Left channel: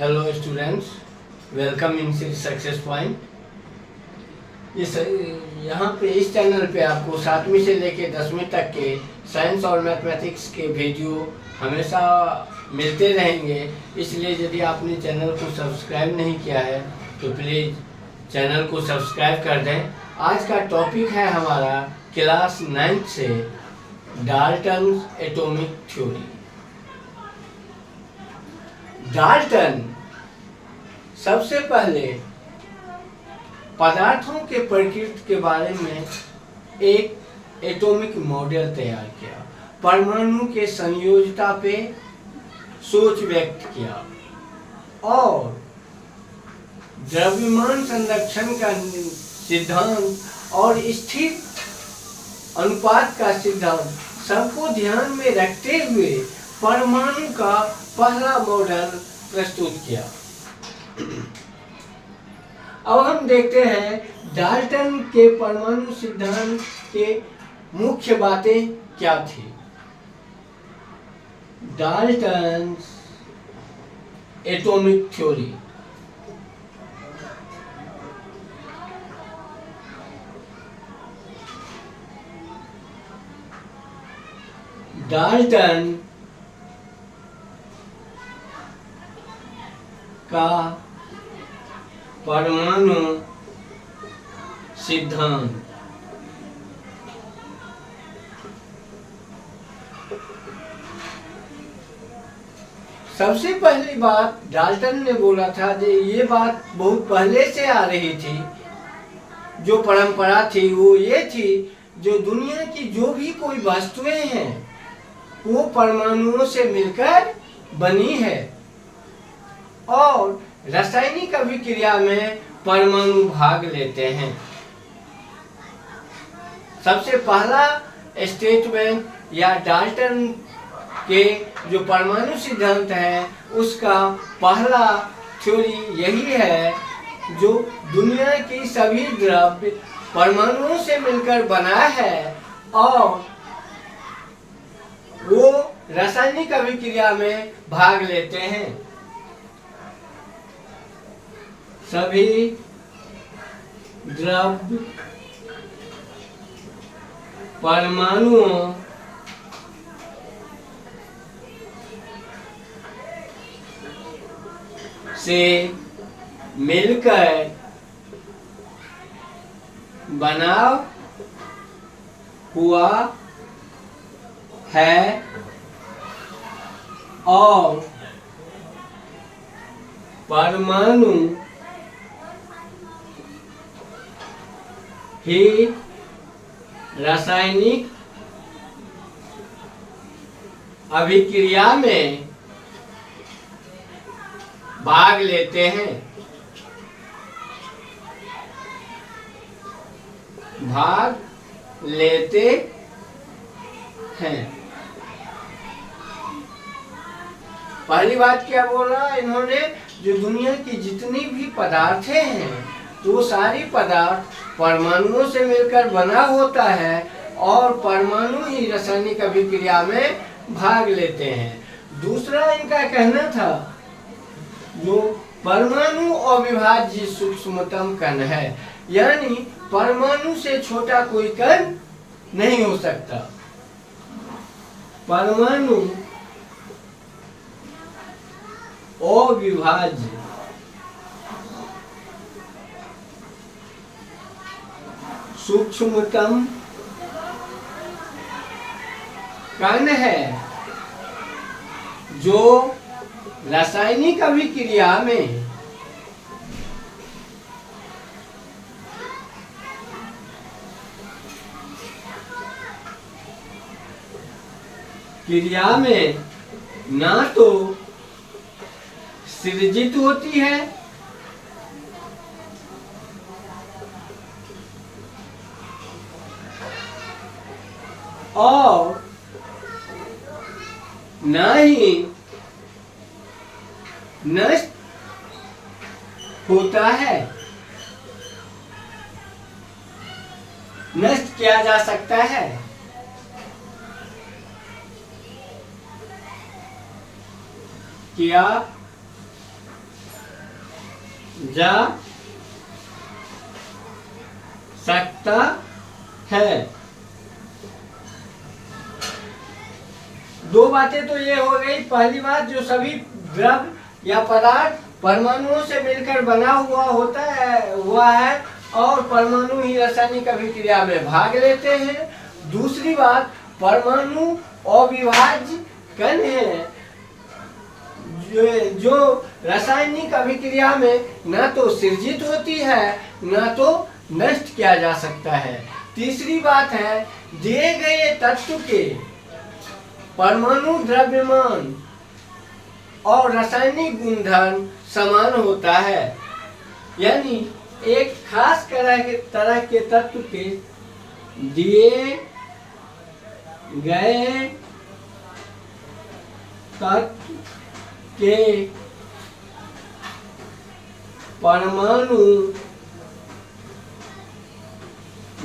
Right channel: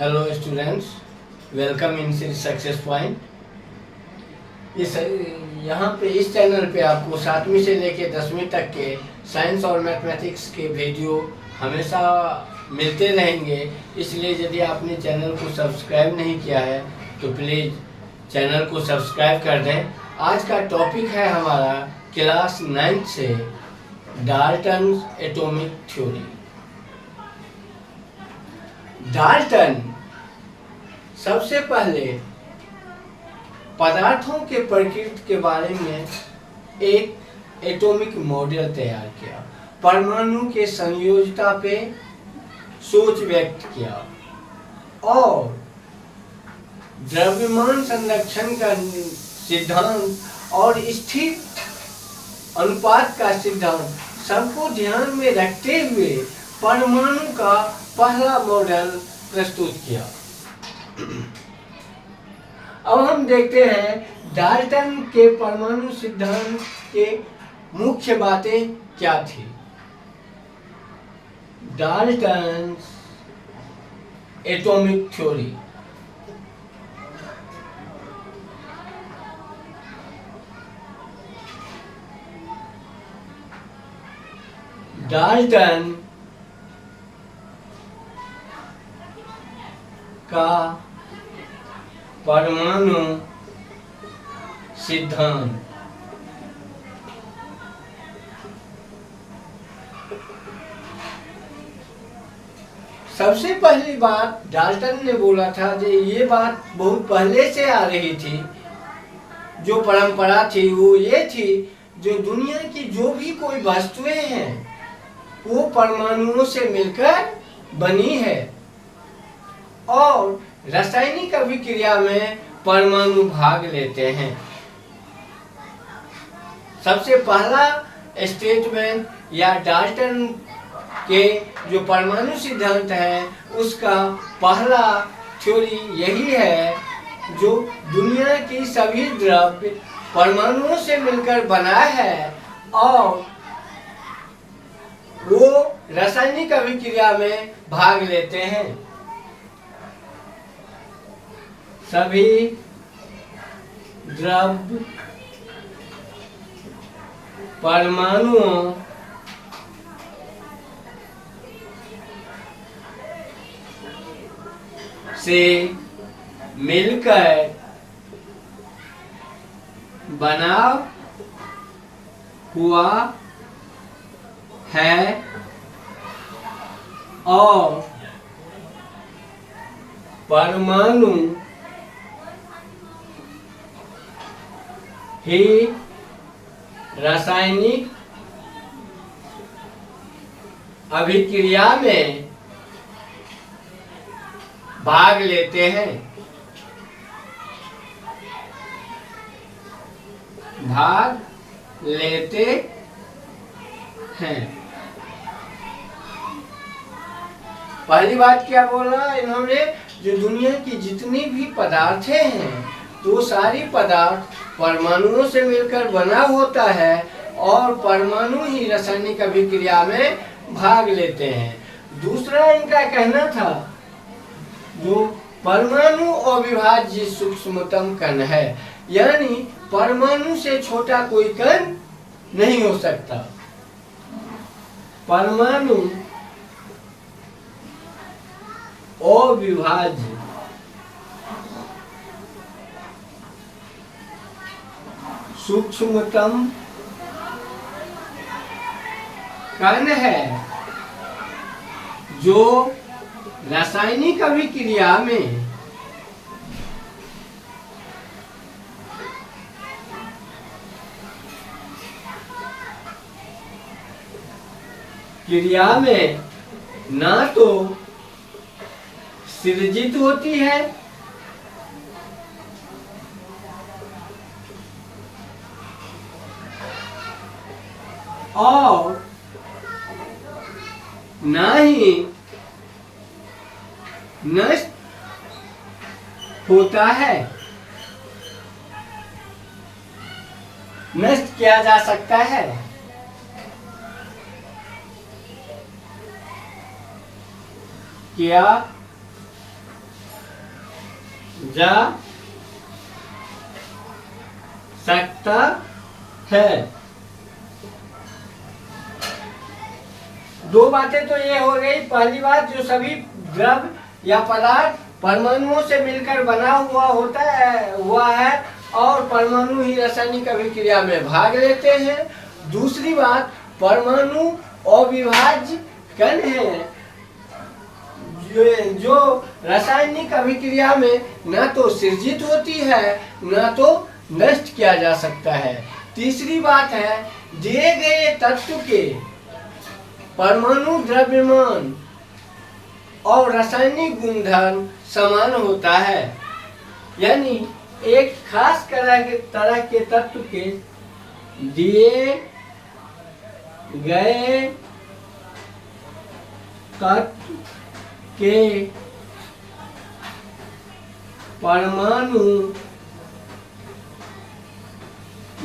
Hello students, welcome in success point. इस यहाँ पे इस चैनल पे आपको 7वीं से लेके 10वीं तक के साइंस और मैथमेटिक्स के वीडियो हमेशा मिलते रहेंगे। इसलिए यदि आपने चैनल को सब्सक्राइब नहीं किया है तो प्लीज़ चैनल को सब्सक्राइब कर दें। आज का टॉपिक है हमारा क्लास 9 से डाल्टन एटॉमिक थ्योरी। डाल्टन सबसे पहले पदार्थों के प्रकृति के बारे में एक एटॉमिक मॉडल तैयार किया, परमाणु के संयोजकता पे सोच व्यक्त किया और द्रव्यमान संरक्षण का सिद्धांत और स्थिर अनुपात का सिद्धांत सबको ध्यान में रखते हुए परमाणु का पहला मॉडल प्रस्तुत किया। अब हम देखते हैं डाल्टन के परमाणु सिद्धांत के मुख्य बातें क्या थी। Dalton atomic theory. डाल्टन का परमाणु सिद्धांत सबसे पहली बात डाल्टन ने बोला था कि ये बात बहुत पहले से आ रही थी। जो परंपरा थी वो ये थी, जो दुनिया की जो भी कोई वस्तुएं हैं वो परमाणुओं से मिलकर बनी है और रासायनिक अभिक्रिया में परमाणु भाग लेते हैं। सबसे पहला स्टेटमेंट या डाल्टन के जो परमाणु सिद्धांत है उसका पहला थ्योरी यही है, जो दुनिया की सभी द्रव्य परमाणुओं से मिलकर बना है और वो रासायनिक अभिक्रिया में भाग लेते हैं। सभी द्रव्य परमाणुओं से मिलकर बना हुआ है और परमाणु ही रासायनिक अभिक्रिया में भाग लेते हैं। पहली बात क्या बोला इन्होंने, जो दुनिया की जितनी भी पदार्थें हैं तो सारी पदार्थ परमाणुओं से मिलकर बना होता है और परमाणु ही रासायनिक अभिक्रिया में भाग लेते हैं। दूसरा इनका कहना था, जो परमाणु अविभाज्य सूक्ष्मतम कण है, यानी परमाणु से छोटा कोई कण नहीं हो सकता। परमाणु अविभाज्य सूक्ष्मतम कण है, जो रासायनिक अभिक्रिया में ना तो सृजित होती है और ना ही नष्ट होता है, नष्ट किया जा सकता है। किया जा सकता है। दो बातें तो ये हो गई। पहली बात, जो सभी द्रव्य या पदार्थ परमाणुओं से मिलकर बना हुआ है और परमाणु ही रासायनिक अभिक्रिया में भाग लेते हैं। दूसरी बात, परमाणु अविभाज्य कण है जो रासायनिक अभिक्रिया में न तो सृजित होती है न तो नष्ट किया जा सकता है। तीसरी बात है, दिए गए तत्व के परमाणु द्रव्यमान और रासायनिक गुणधर्म समान होता है। यानी एक खास तरह के तत्व के दिए गए तत्व के परमाणु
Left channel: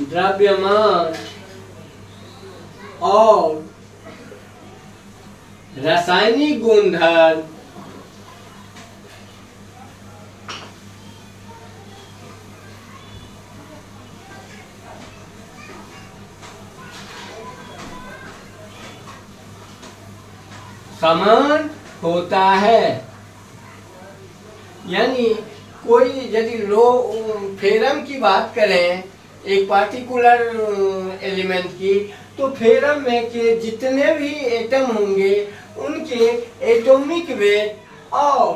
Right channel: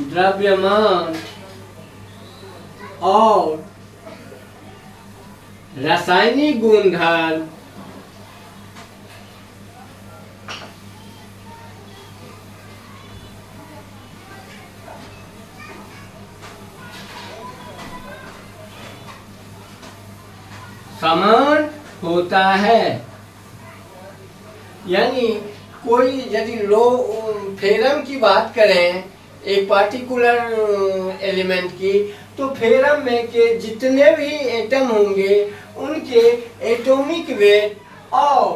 द्रव्यमान और रासायनिक गुणधर्म समान होता है। यानी कोई यदि फेरम की बात करें एक पार्टिकुलर एलिमेंट की, तो फेरम में के जितने भी एटम होंगे उनके एटॉमिक वेट और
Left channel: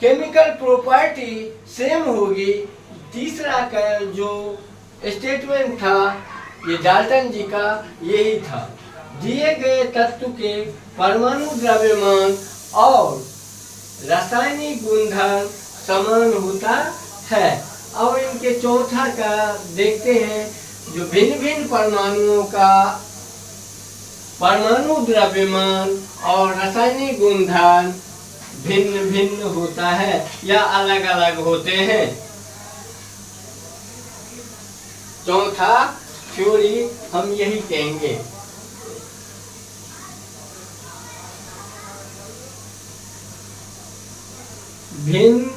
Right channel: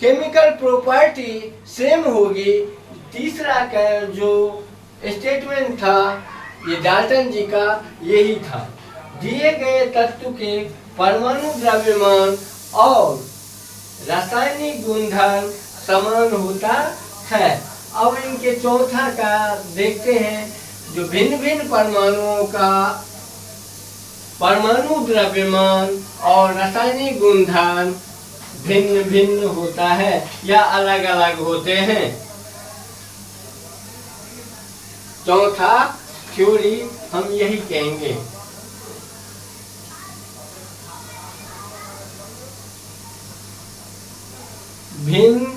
केमिकल प्रॉपर्टी सेम होगी। तीसरा का जो स्टेटमेंट था ये डाल्टन जी का यही था, दिए गए तत्व के परमाणु द्रव्यमान और रासायनिक गुणधर्म समान होता है। अब इनके चौथा का देखते हैं, जो भिन्न भिन्न परमाणुओं का परमाणु द्रव्यमान और रासायनिक गुणधर्म भिन्न भिन्न होता है या अलग अलग होते हैं। चौथा थ्योरी हम यही कहेंगे। भिन्न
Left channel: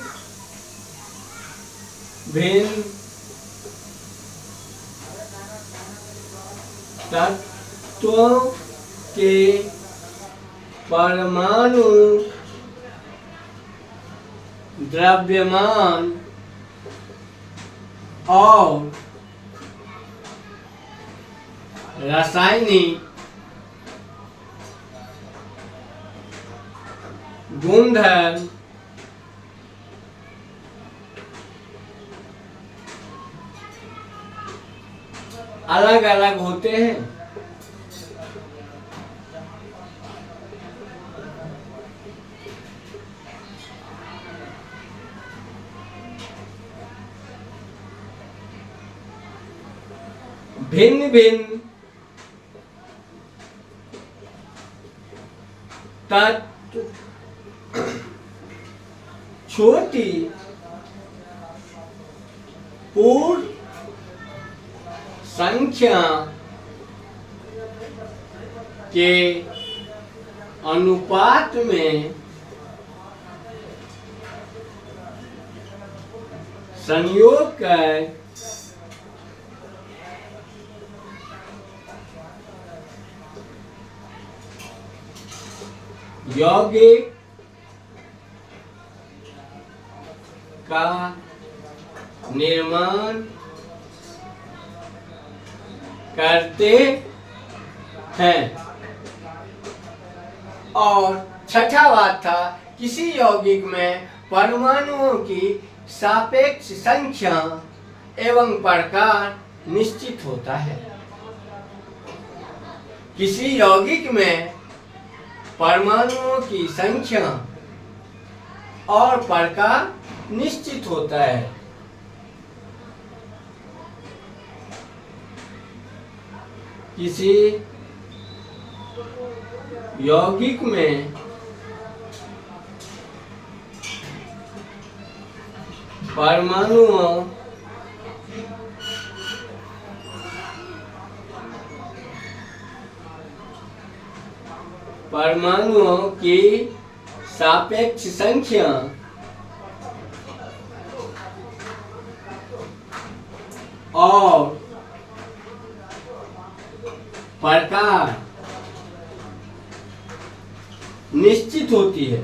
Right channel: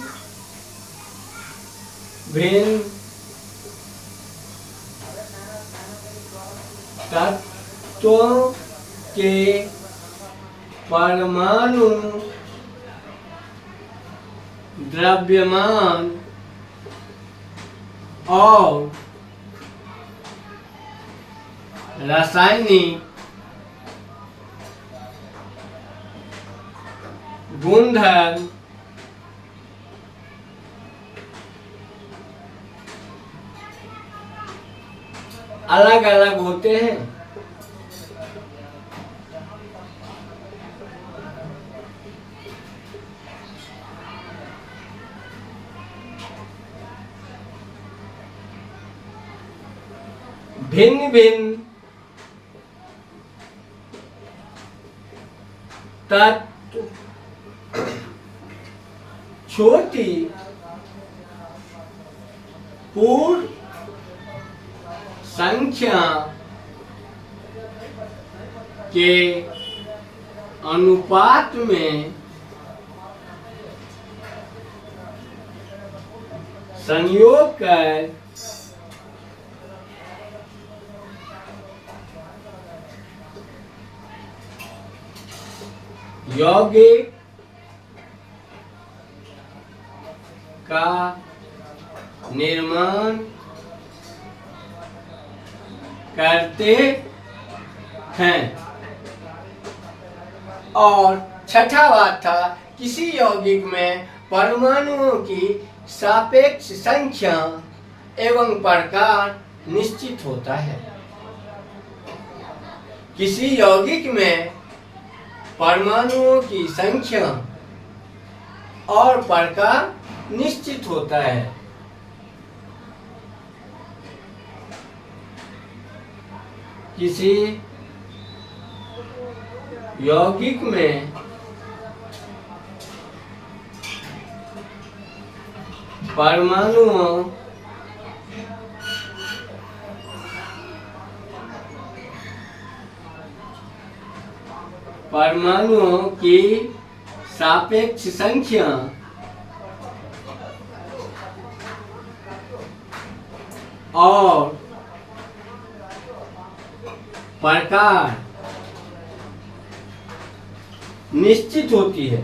भिन्न तत्वों के परमाणु द्रव्यमान और रासायनिक गुणधर्म अलग अलग होते हैं। भिन्न भिन्न तत्व छोटी पूर्ण संख्या के अनुपात में संयोग कर यौगिक का निर्माण करते हैं। और छठा बात था, किसी यौगिक में परमाणुओं की सापेक्ष संख्या एवं प्रकार निश्चित होता है। किसी यौगिक में परमाणुओं की संख्या और प्रकार निश्चित होता है। किसी यौगिक में परमाणुओं की सापेक्ष संख्या और प्रकार निश्चित होती है।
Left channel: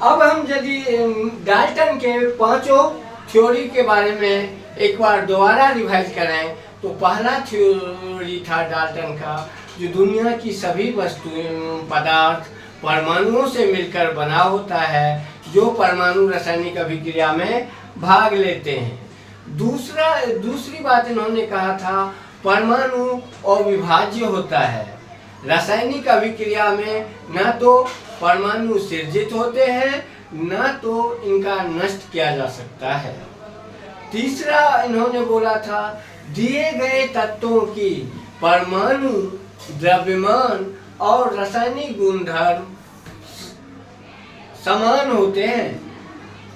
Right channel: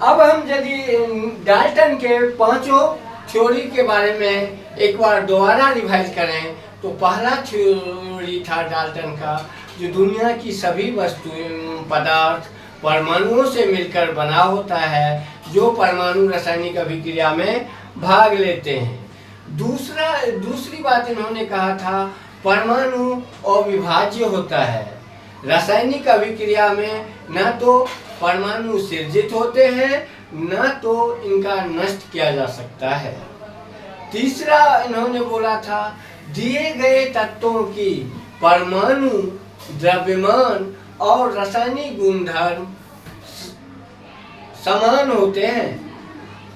अब हम यदि डाल्टन के पांचों थ्योरी के बारे में एक बार दोबारा रिवाइज करें तो पहला थ्योरी था डाल्टन का, जो दुनिया की सभी वस्तुएं पदार्थ परमाणुओं से मिलकर बना होता है, जो परमाणु रासायनिक अभिक्रिया में भाग लेते हैं। दूसरी बात इन्होंने कहा था परमाणु अविभाज्य होता है। रासायनिक अभिक्रिया में न तो परमाणु सृजित होते हैं न तो इनका नष्ट किया जा सकता है। तीसरा इन्होंने बोला था दिए गए तत्वों की परमाणु द्रव्यमान और रासायनिक गुणधर्म समान होते हैं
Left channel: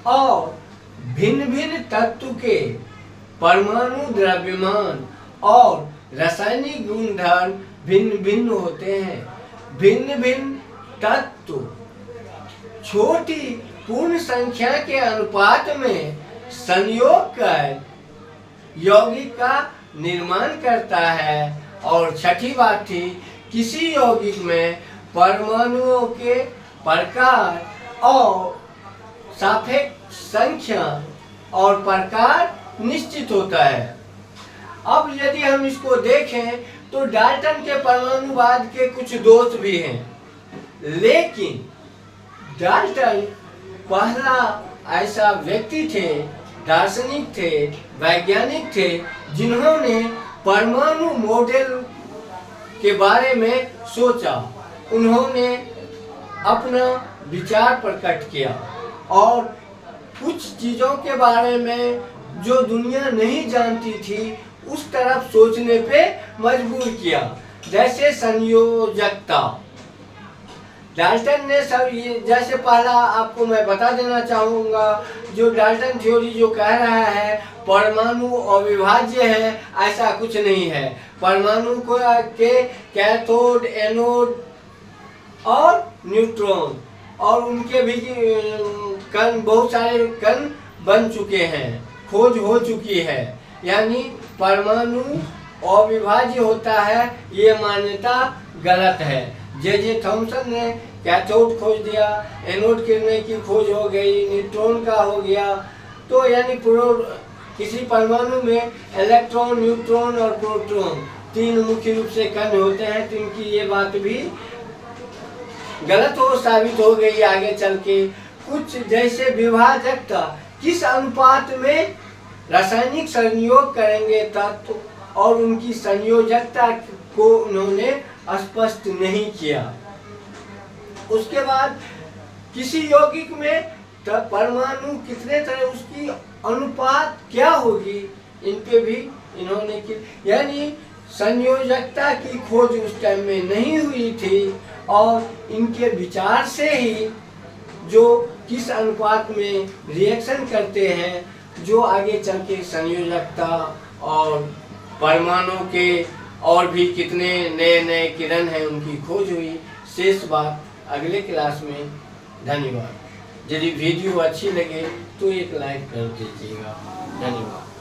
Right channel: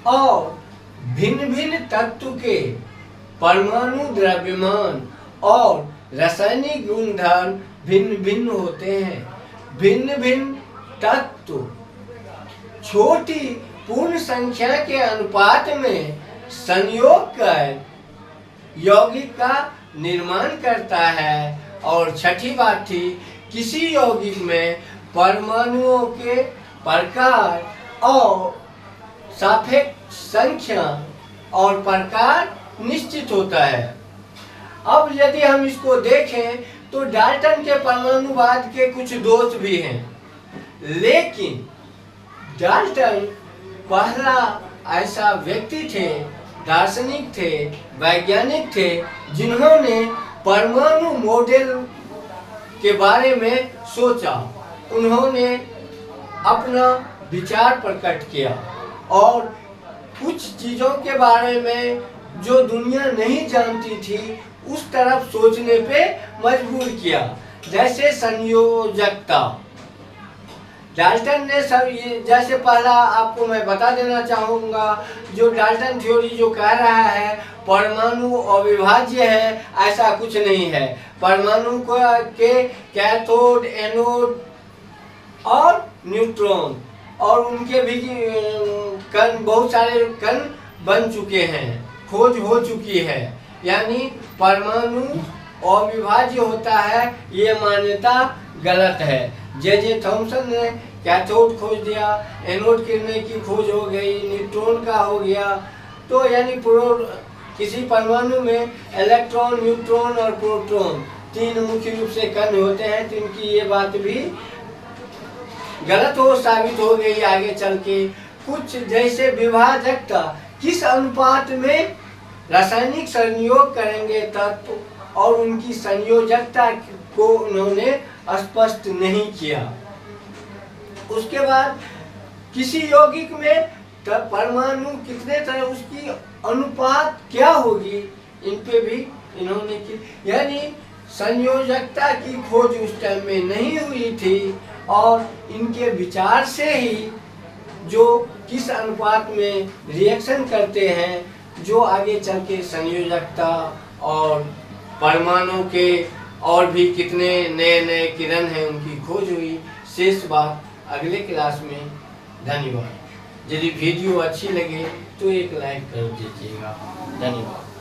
और भिन्न भिन्न तत्व के परमाणु द्रव्यमान और रासायनिक गुणधर्म भिन्न भिन्न होते हैं। भिन्न भिन्न तत्व छोटी पूर्ण संख्या के अनुपात में संयोग कर यौगिक का निर्माण करता है। और छठी बात थी किसी यौगिक में परमाणुओं के प्रकार और सापेक्ष संख्या और प्रकार निश्चित होता है। अब यदि हम इसको देखें तो डाल्टन के परमाणुवाद के कुछ दोष भी हैं, लेकिन डाल्टन पहला ऐसा व्यक्ति थे, दार्शनिक थे, वैज्ञानिक थे, जिन्होंने परमाणु मॉडल के बारे में सोचा। उन्होंने अपना विचार प्रकट किया और कुछ चीज़ों के बारे में जो दुनिया नहीं जानती थी उस तरफ सोचने पे मजबूर किया, जैसे संयोजकता। डाल्टन ने सब ये, जैसे पहला आपको मैं बता देना चाहूँगा, जो डाल्टन थ्योरी जो कह रहा है परमाणु अविभाज्य है, ऐसा कुछ नहीं है। परमाणु के कैथोड, एनोड और न्यूट्रॉन और उनके भी कण, बहुत सारे कण बन चुके हैं, खोज हो चुकी है। यानी परमाणु अविभाज्य होता है, ये मान्यता गलत है। जे थॉमसन ने कैथोड खोज दिया, एनोड किरणें की खोज हो गई, न्यूट्रॉन का हो गया। तो यानी किसी परमाणु में इलेक्ट्रॉन, न्यूट्रॉन और प्रोटॉन तीन मुख्य रूप से कण होते हैं। तो इनकी ये बात भी गलत साबित हो गई आगे चल के। कुछ जैसे विभाजकता, किस अनुपात में रासायनिक संयोग करेंगे तत्व और उनकी संयोजकता को उन्होंने स्पष्ट नहीं किया। उसके बाद किसी यौगिक में परमाणु कितने तरह, उसकी अनुपात क्या होगी, इन पे भी इन्होंने की। यानी संयोजकता की खोज उस टाइम में नहीं हुई थी और इनके विचार से ही जो किस अनुपात में रिएक्शन करते हैं, जो आगे चल के संयोजकता और परमाणु के और भी कितने नए नए किरण हैं उनकी खोज हुई। शेष बात अगले क्लास में। धन्यवाद। यदि वीडियो अच्छी लगे तो एक लाइक कर दीजिएगा। धन्यवाद।